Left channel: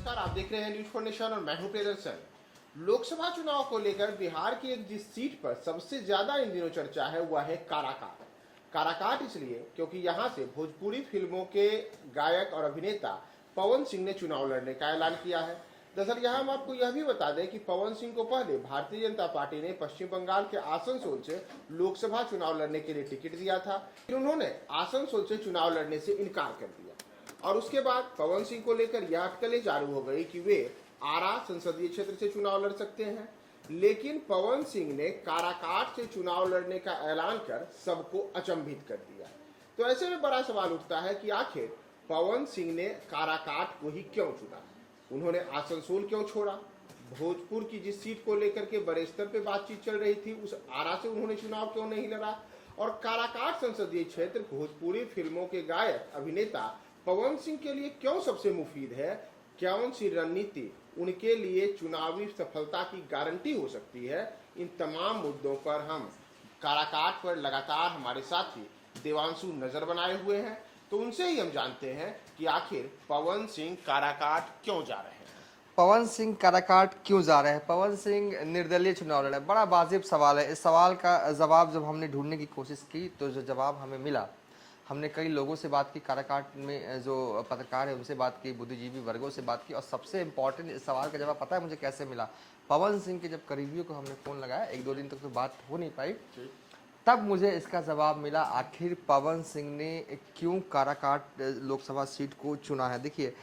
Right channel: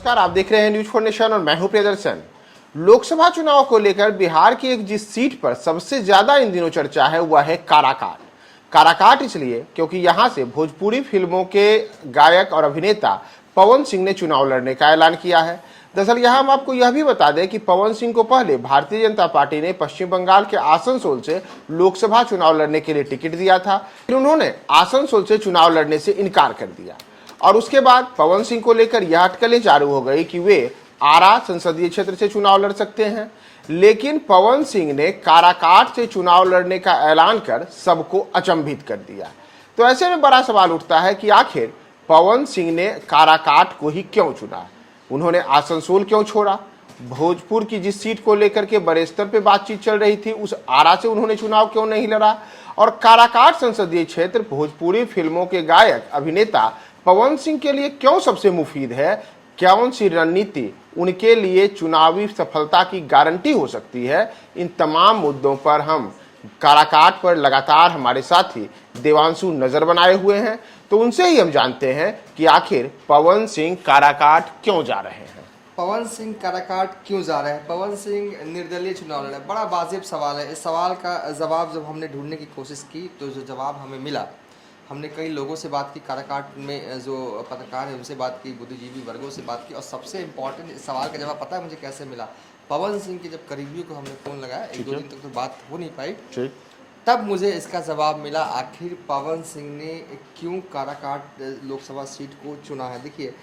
नमस्कार, आप देख रहे हैं न्यूज फॉर नेशन और मैं हूं प्रियदर्शन। लोकसभा चुनाव को लेकर बिहार की एक जिस सीट पर सबसे ज्यादा इन दिनों चर्चा है वह है काराकाट। काराकाट इसलिए क्योंकि यहां से भोजपुरी फिल्मों के गायक और अभिनेता पवन सिंह ने चुनाव लड़ने का ऐलान किया है। दरअसल यहां हम आपको यह भी बता दें कि पवन सिंह को पहले भारतीय जनता पार्टी ने पश्चिम बंगाल के आसनसोल से लोकसभा चुनाव लड़ने के लिए टिकट दिया था, फिर उन्होंने आसनसोल से चुनाव लड़ने से इनकार कर दिया और उसके बाद पवन सिंह को लेकर यह अटकलें चालू हो गई कि वे आरा संसदीय क्षेत्र से चुनाव लड़ सकते हैं। लेकिन पवन सिंह ने काराकाट से चुनाव लड़ने का ऐलान कर सबको अचंभित कर दिया। तो ऐसे में बड़ा सवाल उठता है कि आखिर पवन सिंह ने काराकाट को ही क्यों चुना, उन्होंने आसनसोल क्यों छोड़ा, भोजपुर की जिस सीट को लेकर के बड़े स्तर पे बातचीत चल रही थी उस आरा से उन्होंने चुनाव क्यों नहीं लड़ा, और काराकाट संसदीय क्षेत्र भोजपुरी फिल्मों के गायक अभिनेता पवन सिंह के लिए क्यों सबसे मुफीद है, कौन सी रणनीति उनके लिए चुनावी सफलता की गारंटी हो सकती है। इन तमाम मुद्दों पर हम काराकाट पर लगातार हमारे साथी देवांशु नजर बनाए हुए हैं, तो उनसे ही हम जानते हैं कि आखिर पवन सिंह काराकाट क्यों जा रहे हैं। पवन सिंह काराकाट क्यों जा रहे हैं? पवन सिंह निर्दलीय चुनाव लड़ा, बड़ा वाजिब सवाल है। इस सवाल का जवाब जब हमने ढूंढने की कोशिश की तो जो जवाब हमें मिला, हमने कई लोगों से बात की, काराकाट में जो पत्रकार है उनसे बात की, बुद्धिजीवी वर्गों से बात की, और सबसे इम्पोर्टेंट इस सवाल का जवाब पता है मुझे कैसे मिला? पवन सिंह के जब करीबियों को हमने फ़ोन लगाया, एक दो दिन तक तो बात हो नहीं पाई, तब मुझे इसका जवाब मिला आखिर पवन सिंह ने क्यों काराकाट लोकसभा सीट को चुना है। देखिए,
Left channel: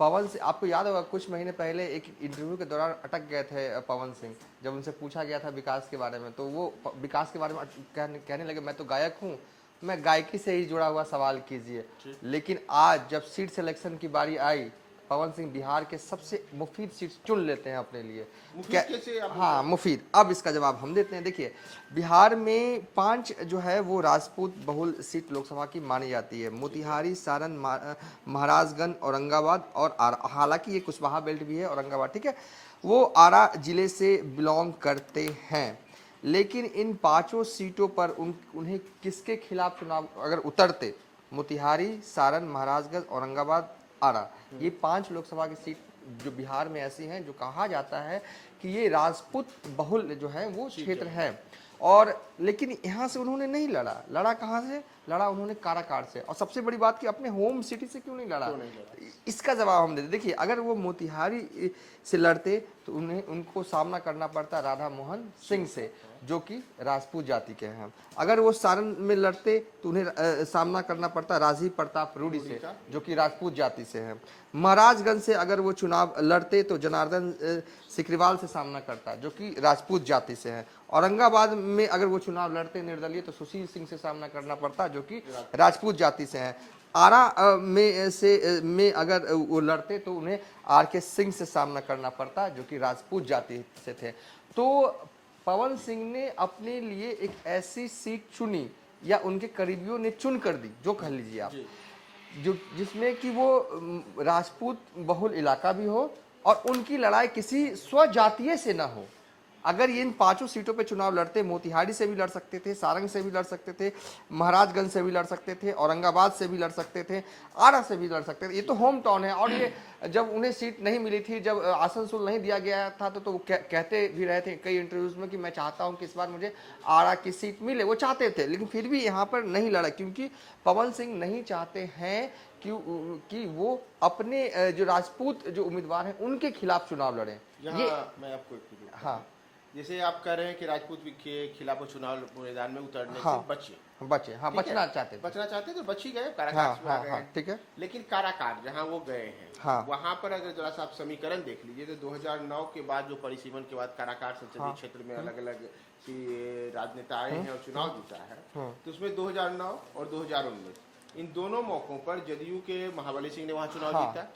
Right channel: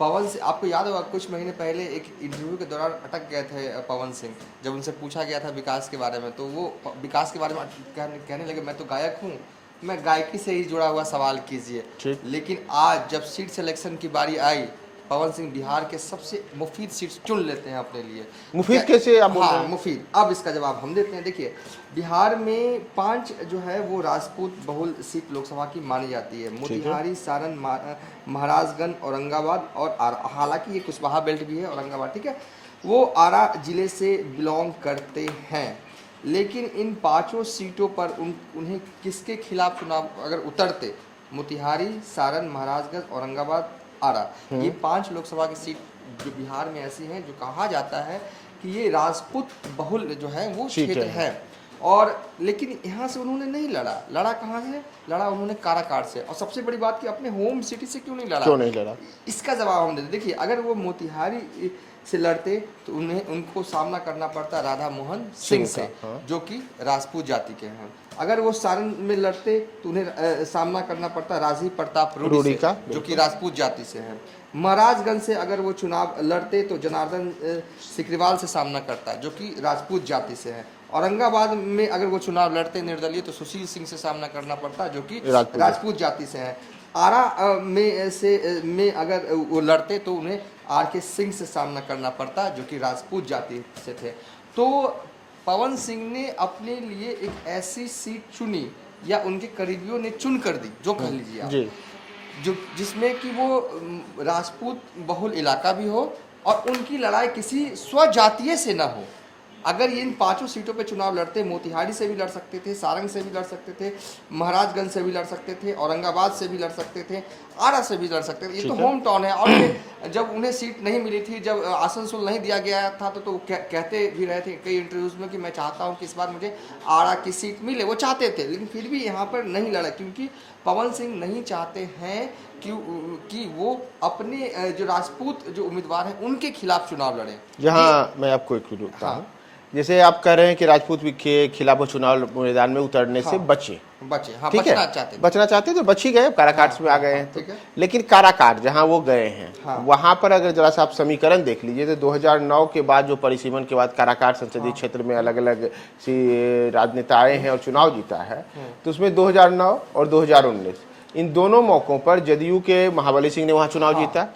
पवन सिंह, आपको याद होगा कुछ महीने पहले एक इंटरव्यू के दौरान अटक गए थे पवन सिंह, जब उनसे पूछा गया था विकास के बारे में, तो वो विकास के बारे में कहने लगे मैं तो गायक हूँ, मैं गायकी से ही जुड़ा हुआ सवाल कीजिए। लेकिन आज जब सीट सिलेक्शन की बारी आई, पवन सिंह बिहार के सबसे मुफीद सीट चुन लेते हैं अपने लिए। मुफीद कैसे आप बोल रहे हैं? मुफीद, अब इसका जवाब हम देते हैं। देखिए, बिहार में 5 जो है वो राजपूत बहुल सीट लोकसभा की मानी जाती है, मोतिहारी, सारण, महाराजगंज, औरंगाबाद और आरा। हालांकि ये कुशवाहा बेल्ट भी है औरंगाबाद, ठीक है, वो आरा जिले से बिलोंग करते हैं। लेकिन इन 5 सीटों पर उन्हें किसके खिलाफ चुनाव अगर उतरते, मोतिहारी, सारण, महाराजगंज, औरंगाबाद, आरा, ये 5 लोकसभा की सीट जो बिहार में ऐसी हैं जो कहा जाता है कि ये राजपूत बहुल जो है वो क्षेत्र है। और लेकिन यहाँ से उन्होंने नहीं लड़ा कहाँ से लड़ा? उन्होंने काराकाट से। और सबसे बड़ी बात कि अपने होम सिटी से क्यों नहीं लड़ा? इसका जवाब हम देते। देखिए, अगर वो मोतिहारी से लड़ते तो उनको सामना करना पड़ता राधा मोहन सिंह से, जो कि राजपूत जाति के हैं। अगर वो सारण में लड़ते तो उन्हें सामना करना पड़ता राजीव प्रताप रूडी का, जो कि राजपूत जाति से हैं। महाराजगंज से अगर वो चुनाव लड़ते तो जनार्दन सिकरीवाल से सामना करता, जो कि राजपूत जाति से हैं। औरंगाबाद में अगर वो चुनाव लड़ते निर्दलीय तो सुशील सिंह से सामना करना पड़ता, जो कि राजपूत जाति से हैं। आरा में अगर वो लड़ते तो उन्हें आर के सिंह से सामना करना पड़ता, जो कि राजपूत जाति से थे। तो पवन सिंह ने अपने लिए एक ऐसी सीट चुनी, या उनके करीबियों ने चुन कर दी, जो कह लीजिए आप, जो जिसमें कि वो राजपूत बहुल इलाका भी हो और उनकी लड़ाई किसी स्वजातीय से ना हो। अगर ये इन 5 सीटों पे चुनाव लड़ते, मोतिहारी से भी लड़ सकते थे, सारंग से भी लड़ सकते थे, महाराजगंज से भी लड़ सकते थे, औरंगाबाद से भी लड़ सकते थे, आरा से भी लड़ सकते थे। ये तो होम टाउन है। और ये जब उन्हें सीट नहीं मिली थी, जब आसनसोल नहीं दिया गया था, तो कहते भी रहे थे कई इंटरव्यूज में कि मैं चाहता हूँ कि इस बार मुझे आरा की सीट मिले। वो चाहते थे, लेकिन फिर भी यहाँ पर नहीं लड़ा, क्योंकि पवन सिंह नहीं चाहते हैं कि वो अपने जो राजपूत जो उम्मीदवार हैं उनके खिलाफ चुनाव लड़े। यहाँ मैं आपको एक रोकता हूँ, जैसे आप कह रहे हैं कि राजपूत के खिलाफ वो चुनाव मैदान में उतरने से बचे, ठीक है, बचना चाहते तो बच ही गए, काराकाट में आ गए हैं। लेकिन काराकाट जहां वो गए हैं, वहां पर अगर जरा सा आप समीकरण देख लीजिए तो 2009 के बाद जो परिसीमन के बाद काराकाट संसदीय क्षेत्र में अलग अलग सी राजनेता आए हैं और चुनाव जीता है, तो उसमें 2009 और 2019 इन दोनों मौकों पर जदयू के महाबली सिंह ने वहां चुनाव जीता।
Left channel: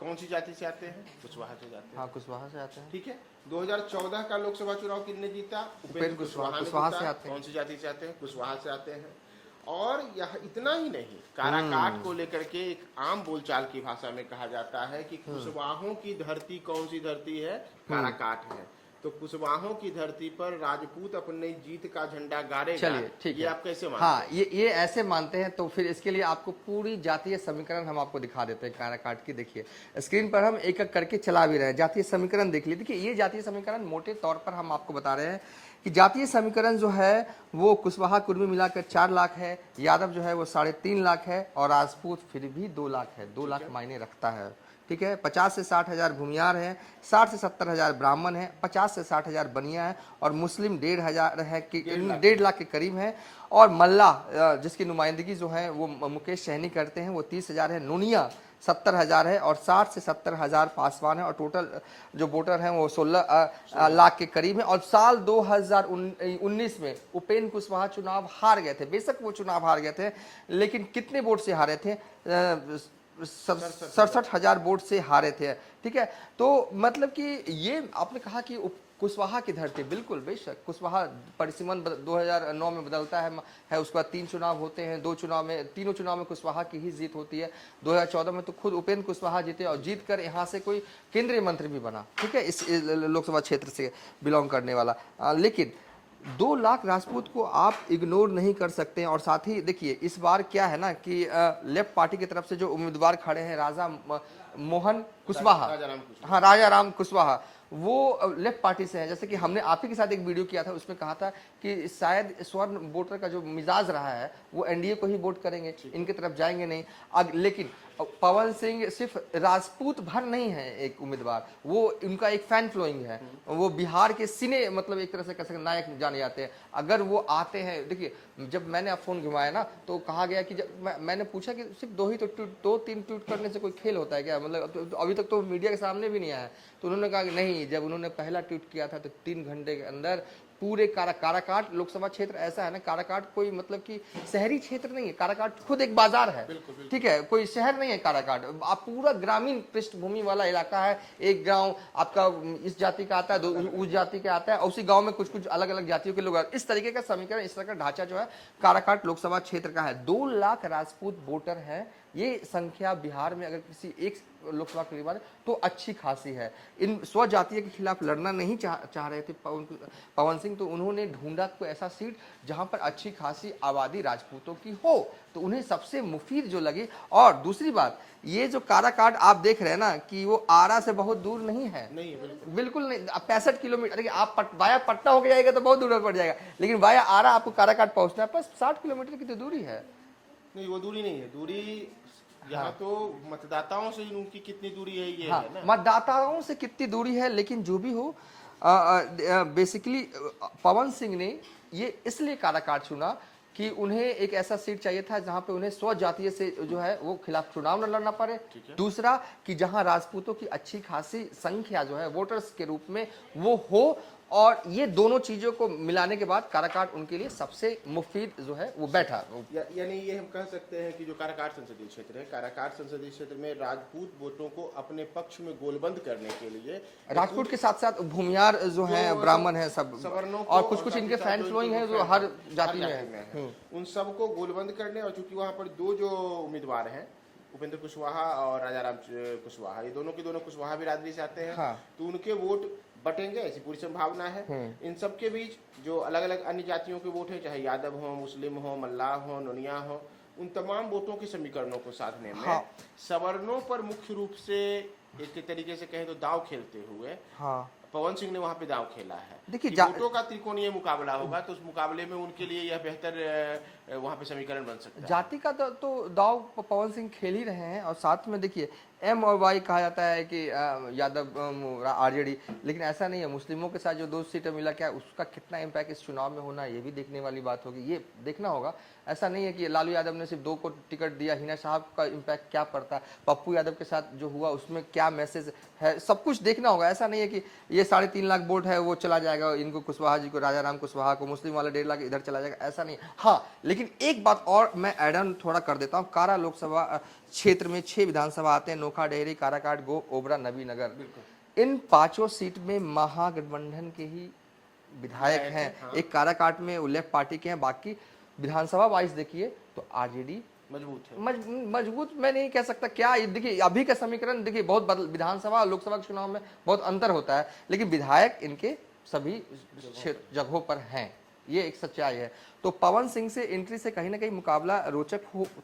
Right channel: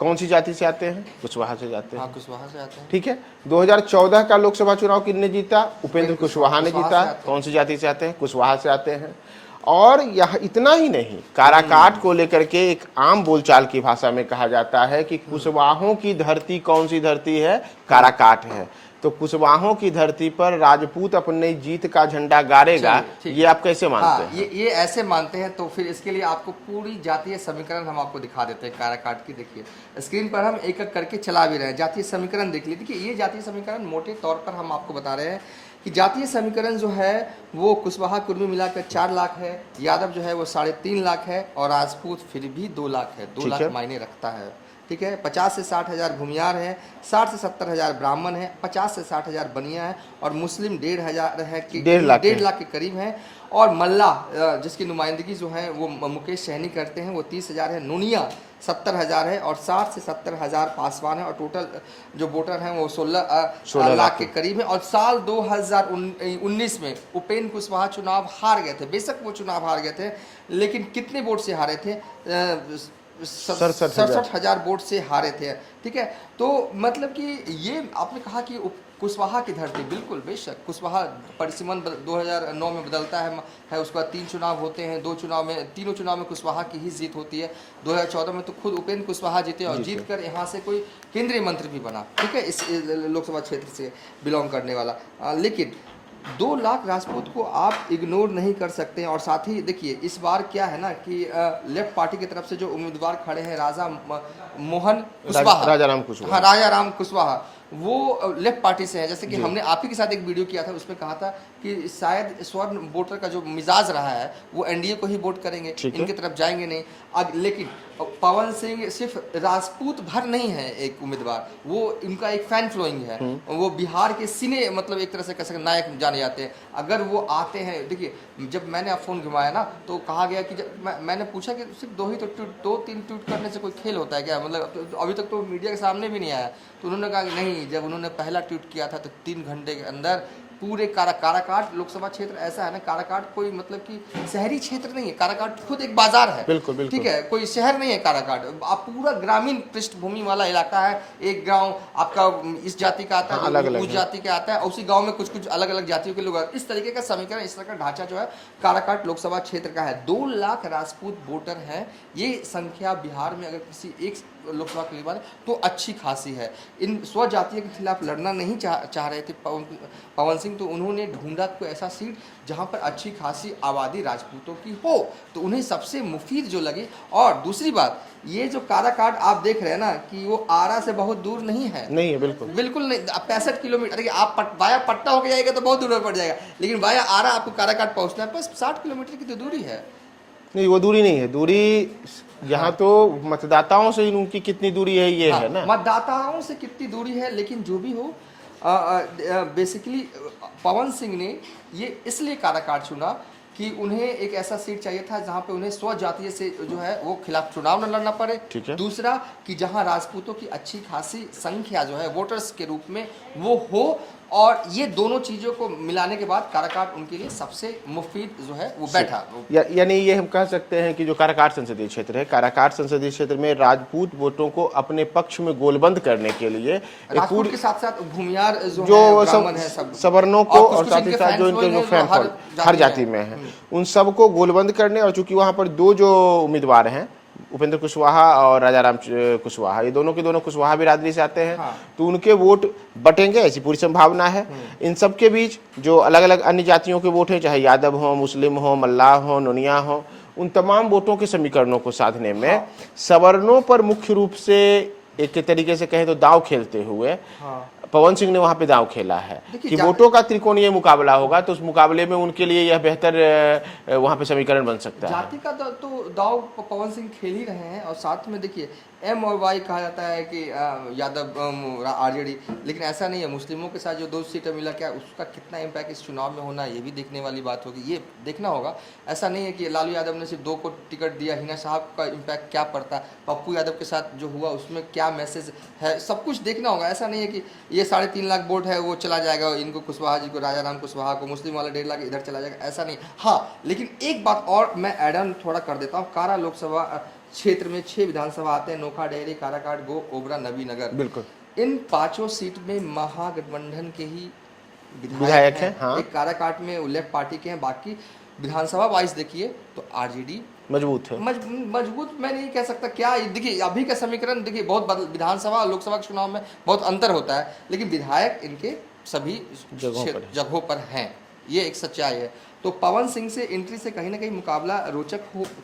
कौन सी जाति से आते हैं? कुशवाहा से जाते हैं। कुशवाहा से आते हैं, ठीक है। 2014 का लोकसभा चुनाव किसने जीता? उपेंद्र कुशवाहा ने जीता। कौन सी जाति से आते हैं? कुशवाहा से आते हैं। और यह इतना ही नहीं, काराकाट को लेकर के एक आम बोलचाल की भाषा में कहा जाता है कि कुशवाहों की धरती कौन सी धरती है? काराकाट है। तो कुशवाहों की धरती पर राजपूत अपने जीत का झंडा गाड़ेगा, ठीक ये आप कैसे मानते हैं? ये ऐसे मानते हैं। तो फिर इसके लिए आपको पूरी जातीय समीकरण हम आपको दिखा देते हैं काराकाट की। देखिए स्क्रीन पर हम एक एक करके चला भी रहे हैं। जातीय समीकरण देख लीजिए। देखिए ये जातीय समीकरण मोटे तौर पर हम आपको बता रहे हैं कि जातीय समीकरण जो है वो कुशवाहा कुर्मी मिलाकर 4 लाख है, यादव जो है वो 3.5 लाख है, और राजपूत फिर भी 2 लाख है। 2 लाख मायने रखता है, ठीक है। 50 से 60 हज़ार भूमियार है, 60 से 70 हज़ार ब्राह्मण है, 50 से 60 हज़ार बनिया है, और मुस्लिम 1.5 है कि 1.5 लाख के करीब है। और मल्ला जिसकी नुमाइंदगी जो है वो मुकेश सहनी करते हैं, वो 30 हज़ार है। नूनिया 70 हज़ार है, और 60 से 70 हज़ार पासवान है, और टोटल जो वोटर हैं वो 16 लाख के करीब है। और साल 2019 में उपेंद्र कुशवाहा चुनाव हार गए थे। बेशक वो चुनाव हार गए थे, लेकिन कितने वोट से हारे थे? 67 हज़ार वोट से हारे थे, ठीक है। तो मतलब कि ये आपने कहा कि कुशवाहा की धरती, बिल्कुल बेशक कुशवाहा परिसीमन 2009 में बदलता है उसके बाद 3 चुनाव होते हैं। तीनों चुनाव में कुशवाहा की ही जीत होती है। 2014 में तो खुद उपेंद्र कुशवाहा जीते, और जीत कर यहाँ से कोई केंद्रीय मंत्री भी बना, ठीक है, इस लोकसभा क्षेत्र से बिलोंग करने वाला। लेकिन 2 लाख राजपूत को आप इग्नोर नहीं कर सकते। और साथ ही देखिए इस बार क्या है ना कि लेफ्ट पार्टी की तरफ से जो उम्मीदवार खड़े हैं राजा मोहन कुशवाहा, राजा राम कुशवाहा, वो लेफ्ट पार्टी से है। जैसे कि हमने आप ही के साथ एक वीडियो किया था, उसमें कहा था कि शायद स्वर्ण वोटर का जो मिजाज रहा है वो एनडीए को ही वोट करेंगे, इनकी तरफ जाएंगे नहीं। लेकिन पवन सिंह सिर्फ राजपूत भर नहीं है एक उम्मीदवार, वो इनका एक फैन फॉलोइंग है। वो बिहार के सिने मतलब एक तरह से कह सकते नायक जाने जाते हैं। अगर वो आते हैं, देखिए जब मैंने आप फोन घुमाया ना तो कहा गया कि मैंने पूछा कि सिर्फ 2-3 ट्वीट करने से कोई खेल होता है क्या? मतलब अभी तक तो मीडिया के सामने भी नहीं आया। तो उन्होंने कहा कि नहीं, जब उन्होंने पहला ट्वीट किया था तो 3 घंटे के अंदर पूरे काराकाट लोकसभा क्षेत्र ऐसा है ना, काराकाट कोई मतलब कि शहरी क्षेत्र नहीं है, काराकाट खुद एक बाजार है, बिल्कुल। ठीक है, कोई शहर नहीं है काराकाट। आप पूरा ग्रामीण पृष्ठभूमि वाला इलाका है। एक गांव आपका इस जाति का आता है, उस जाति का आता है, और उसी गांव में कुछ अलग अलग जातियों के लोग आते हैं। इस तरीके का समीकरण, इस तरह का ढांचा जो है काराकाट लोकसभा क्षेत्र का है। 2 लाख राजपूत वोटर हैं। ये संख्या बिहार में अगर किसी एक लोकसभा के लिए तो अच्छी खासी है। इन स्वजातीय के खिलाफ लड़ना नहीं चाह रहे थे पवन सिंह, तो उन्होंने ढूंढा कोई ऐसा सीट जहां पर अच्छी खासी आबादी राजपूतों की हो, तो उन्हें सबसे मुफीद जो लगे। और दूसरी बात, ये जो काराकाट आप देख रहे हैं ना कि वो आरा से बहुत दूर नहीं है, बिल्कुल नहीं। 65 किलोमीटर, देखिए आप वाया पट्टा होकर जाएगा तो बहुत दूर पड़ जाएगा, लेकिन वाया आरा आपको काराकाट पहुंचना है बस 60 किलोमीटर की तो दूरी है। नहीं, वो दूरी नहीं है, दूरी यहाँ तो मतदाताओं से उनकी कितनी दूरी है ये है ना, मतदाताओं से कितनी दूरी है। लेकिन जो भी हो, बेसिकली पवन सिंह ने ये इसलिए काराकाट चुना कि उन्हें एक ऐसा सीट चाहिए था जहां पे उन्हें स्वजातीय से जो है वो खिलाफ चुनाव न लड़ना पड़े। दूसरा कि जहां राजपूतों की अच्छी खासी संख्या जो है वोटर्स के रूप में वो हो, और ये दोनों चीजों को मिलाने के बाद काराकाट उनके लिए सबसे मुफीद जो है वो बैठा। यानी ये हम कह सकते हैं कि जो काराकाट संसदीय क्षेत्र है, काराकाट संसदीय क्षेत्र में राजपूत वोटों को अपने पक्ष में गोलबंद करने के लिए राजपूत के साथ साथ भूमियार जो सवर्णों को और साथ ही साथ जो इनके जो फैन हर जाति में है उन सबको गोलबंद करने, और चूंकि वहां पर 2 जो उम्मीदवार हैं उपेंद्र कुशवाहा और राजा राम कुशवाहा, ये दोनों के दोनों कुशवाहा बिरादरी से आते हैं, तो उनके वोट बटेंगे ऐसी पूरी संभावना है। इन सब के बीच जो अलग अलग अन्य जातियों के वोट हैं, चाहे यादव हो, मुस्लिम हो, मल्लाह हो, नोनिया हो, उन तमाम वोटों के समीकरणों को साधने में सवर्णों पर मुख्य रूप से एक तरीके से कहें तो दांव खेलते हुए पवन सिंह ने वहां पे दांव खेला है कि वोटों का त्रिकोणीय मुकाबला होगा, तो उस मुकाबले में उनके लिए यह बेहतर वहां पे समीकरण बन सकता है। जाति का तो दांव पवन सिंह खेल ही रहे हैं। और साथ में देखिए M और Y कहा जाता है कि यादव आरजेडी, लेकिन ऐसा नहीं है। मुस्लिमों के साथ जो 2 सीटें मिला, क्या उसका कितना इम्पैक्ट इस चुनाव में होना, ये भी देखने वाली बात होगी, ये देखना होगा। ऐसा नहीं है कि लालू यादव ने सिर्फ 2 को टिकट दिया, हिना साहब का इम्पैक्ट क्या पड़ता है, पप्पू यादव के साथ जो हुआ उसमें क्या मैसेज है, सब कुछ देखना होगा। ऐसा नहीं है कि ये 3.5 लाख वोट है वो चला जाएगा इनको, कुशवाहा जी को, राजा राम कुशवाहा को, मुस्लिम वाला 1.5 लाख इधर चला जाएगा, ऐसा नहीं। हाँ, लेकिन एक बात और मैं ऐड ऑन थोड़ा कर देता हूँ। कारा लोकसभा क्षेत्र में 6 विधानसभा आते हैं, नोखा, डेहरी, काराकाट, गो, ओबरा, नबीनगर। बिल्कुल, इन 5 सीट में महागठबंधन के ही विधायक हैं। हाँ। एक काराकाट में लेफ्ट पार्टी के हैं, बाकी विधानसभा वाइज देखिए तो आरजेडी मजबूत है। मजबूत मैं नहीं कह सकता क्या। देखिए अभी का समीकरण देखिए, बहुत विधानसभा और लोकसभा के चुनाव में बहुत अंतर होता है, लेकिन विधायक इनके सभी जगहों पर हैं, ये एक सच्चाई है। तो पवन सिंह से एंट्री से कहीं ना कहीं मुकाबला रोचक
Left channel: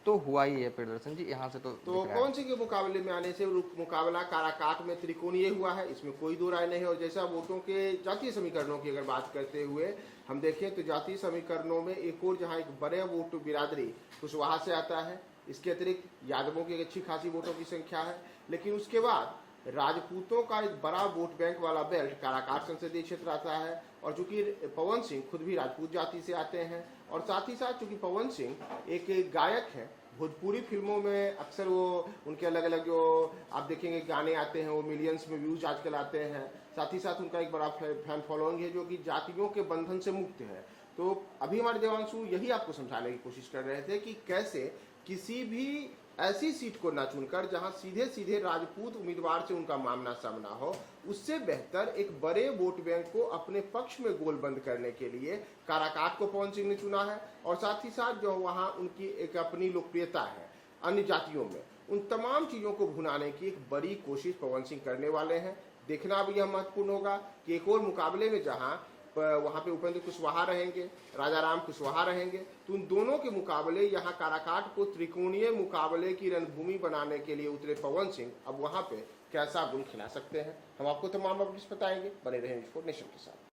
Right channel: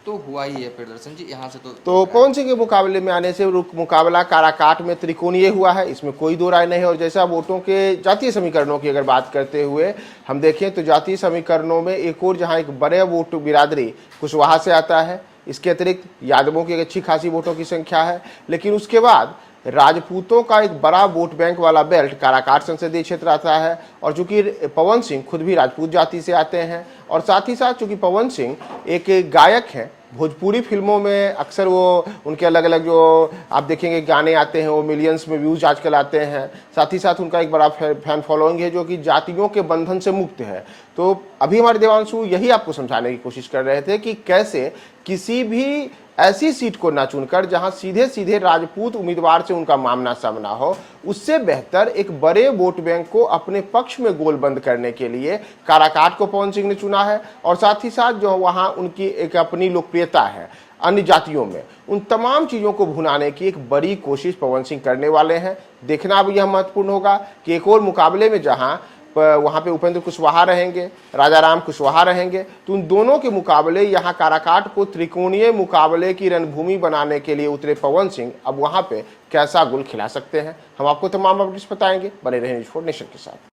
तो हुआ ही है प्रियदर्शन जी, यहाँ से तो पवन सिंह के मुकाबले में आने से मुकाबला काराकाट में त्रिकोणीय हुआ है, इसमें कोई दो राय नहीं है। और जैसा वोटों के जातीय समीकरणों की अगर बात करते हुए हम देखें तो जातीय समीकरणों में एक और जहां एक बड़े वोट बिरादरी कुशवाहा से आता है, इसके अतिरिक्त यादवों की एक अच्छी खासी वोटों की संख्या है, लेकिन उसके बाद राजपूतों का एक बड़ा वोट बैंक वाला बेल्ट काराकाट संसदीय क्षेत्र आता है। और चूंकि पवन सिंह खुद भी राजपूत जाति से आते हैं और साथ ही साथ चूंकि पवन सिंह एक गायक हैं, भोजपुरी फिल्मों में अक्सर वो उनके अलग अलग जो आप देखेंगे गाने आते हैं वो मिलियंस में व्यूज आजकल आते हैं। साथ ही साथ उनका एक बड़ा फैन फॉलोइंग है जो कि जातियों के बंधन से मुक्त है। तो अभी हमारे देवांशु यही आपको समझाने की कोशिश कर रहे थे कि कैसे किसी भी ऐसी सीट को ना चुनकर जहां सीधे सीधे राजपूत उम्मीदवार से उनका मामला सामना हो, उससे बेहतर एक बड़े वोट बैंक को अपने पक्ष में गोलबंद करने के लिए काराकाट को पवन सिंह ने चुना है। और साथ ही साथ जो वहां उनकी एक अपनी लोकप्रियता है अन्य जातियों में, उन तमाम चीजों को भुनाने की एक बड़ी कोशिश पवन सिंह करने वाले हैं। देखना अब यह महत्वपूर्ण होगा कि एक और मुकाबले में जहां वहां पे उपेंद्र कुशवाहा रहेंगे, राजाराम कुशवाहा रहेंगे, तो उन दोनों के मुकाबले यहाँ काराकाट को त्रिकोणीय मुकाबले की रणभूमि बनाने के लिए उतरे पवन सिंह अब वहां पे कैसा गुल खिला सकते हैं। हम आपको तमाम अपडेट्स बताएंगे, बने रहें न्यूज़4 नेशन के साथ।